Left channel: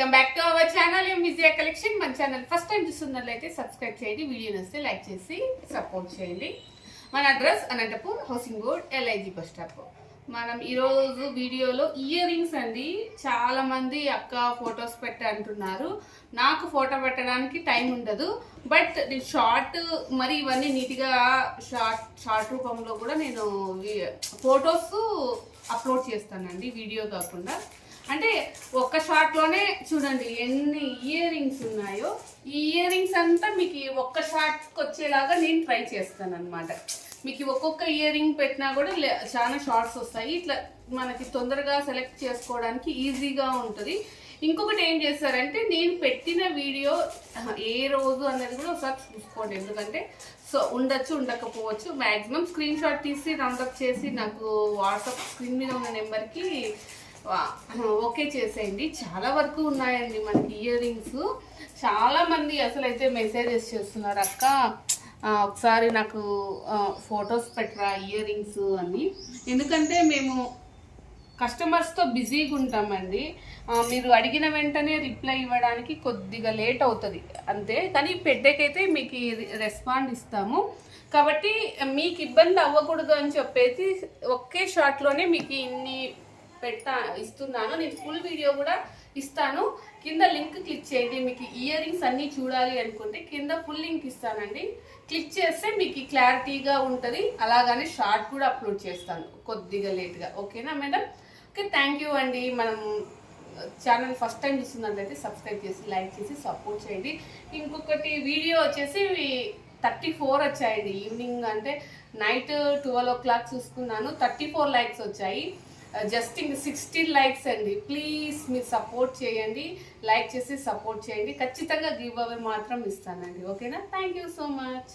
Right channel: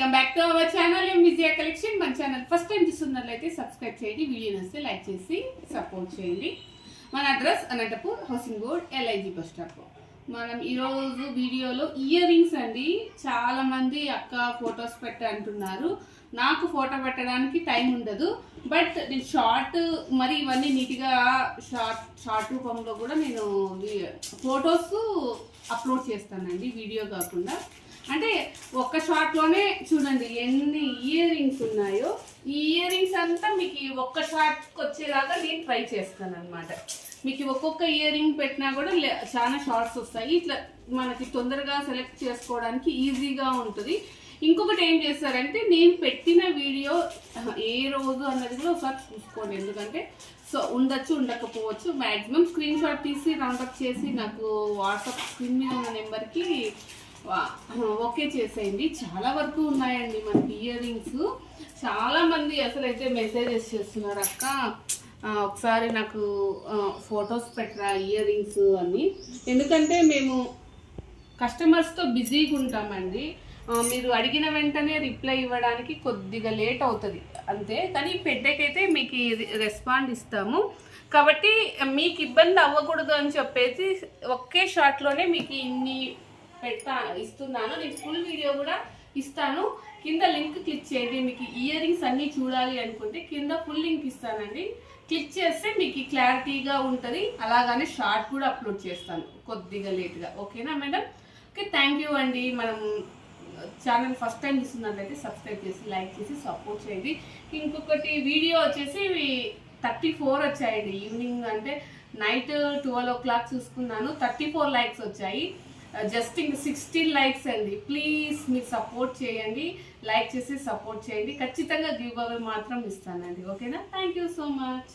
Welcome back to our channel ఎంవిజియా collection. మన channel first time చూస్తున్నట్లయితే సబ్స్క్రైబ్ చేయండి, వీడియో నచ్చితే లైక్ చేసి సపోర్ట్ చేయండి. మన address Anantapur housing board LIG bus stop. మనం ఈరోజు వీడియోలో ఇయర్ రింగ్స్ అండి. చాలా మంది అక్క ఫొటోస్ పెట్టి అంటున్నారు. నాకు ఫోటో పెట్టడానికి టైం ఉండదు, బట్ నేను షార్ట్ మరి ఇవన్నీ నీట్గా షార్ట్ రూపంలో కూడా నేను ఫొటోస్ అప్లోడ్ చేస్తానండి, వీడియో కాకుండా. అంటే ఒక్క షార్ట్లోనే చూడండి ఎన్ని ఇయర్ రింగ్స్ ఉన్నాయో. ఈ ఇయర్ రింగ్స్ అంతా మీకు ఒక్క షార్ట్కి వచ్చేలాగా నేను ట్రై చేస్తాను అనమాట. మీకు ఒక్కొక్క ఇయర్ రింగ్ పెట్టినా కూడా చాలా షార్ట్స్ వస్తాయి. ఇట్లా మనకి తొందరగా సెలెక్ట్ చేసుకోవడానికి ఈజీగా ఉంటుంది. ఇంకొకటి ఏం చేస్తారంటే, నేను పెట్టిన వీడియో ఏ రోజు అన్నది కూడా ఒకసారి చూసుకోండి. ఎందుకంటే ఉండొచ్చు ఉండకపోవచ్చు. మ్యాక్సిమం స్క్రీన్ షాట్ తీసి రౌండప్ చేసి నాకు వాట్సాప్ స్క్రీన్ మీద ఉన్న నెంబర్కి ఓకే చేసేయండి. చాలా వరకు ఉన్నాయండి మనకి ఇయర్ రింగ్స్. చాలామంది అసలు అయితే మెసేజెస్ చేస్తున్నారు, అక్క ఒకసారి నాకు ఫొటోస్ పెట్టరా ఇయర్ రింగ్స్ అని. ఎందుకంటే మేము కస్టమర్స్తో బిజీగా ఉంటామండి. మీరు అడిగిన వెంటనే రిప్లై ఇవ్వడానికి కొద్దిగా లేట్ అవుతుంది అంతే, కానీ పెట్టేకైతే మీకు రెస్పాండ్ ఇస్తాము. కాబట్టి మీకు ఇబ్బంది అవ్వకూడదు అని చెప్పేసి ఒకే షాట్లోనే మీకు ఇన్ని ఇస్తున్నాను. నేను ఫుల్ వీడియో కూడా ఇస్తాను. కింద లింక్ క్లిక్ చేయండి. మీకు ఇయర్ రింగ్స్ అన్నీ చూడాలి అనుకుంటే కింద ఫుల్ లింక్ ఇస్తానండి. క్లిక్ చేస్తే మీకు క్లారిటీగా ఉంటుంది. అలాగనే షార్ట్ కూడా అప్లోడ్ చేస్తాను కొద్దిగా లేట్గా. ఓకేనా మేడం? ఓకే, థ్యాంక్ యూ అండి. మనం ఛానల్ ఫస్ట్ టైం చూస్తున్నట్లయితే సబ్స్క్రైబ్ చేసి లైక్ చేసి సపోర్ట్ చేయండి. ఇంకొకటి వీడియో వచ్చేసి 34 వచ్చాయండి. ఈవినింగ్ అంటే నైట్ 12 o'clock చూసుకున్నాను, 34 likes వచ్చాయి. జస్ట్ ఇంక 16 likes అండి. ప్లీజ్ మీరు సపోర్ట్ చేయండి, లైక్ చేసి సపోర్ట్ చేయండి. ఖచ్చితంగా గివ్ అవే మాత్రం ఇస్తానండి. ఓకేనా? Thank you so much.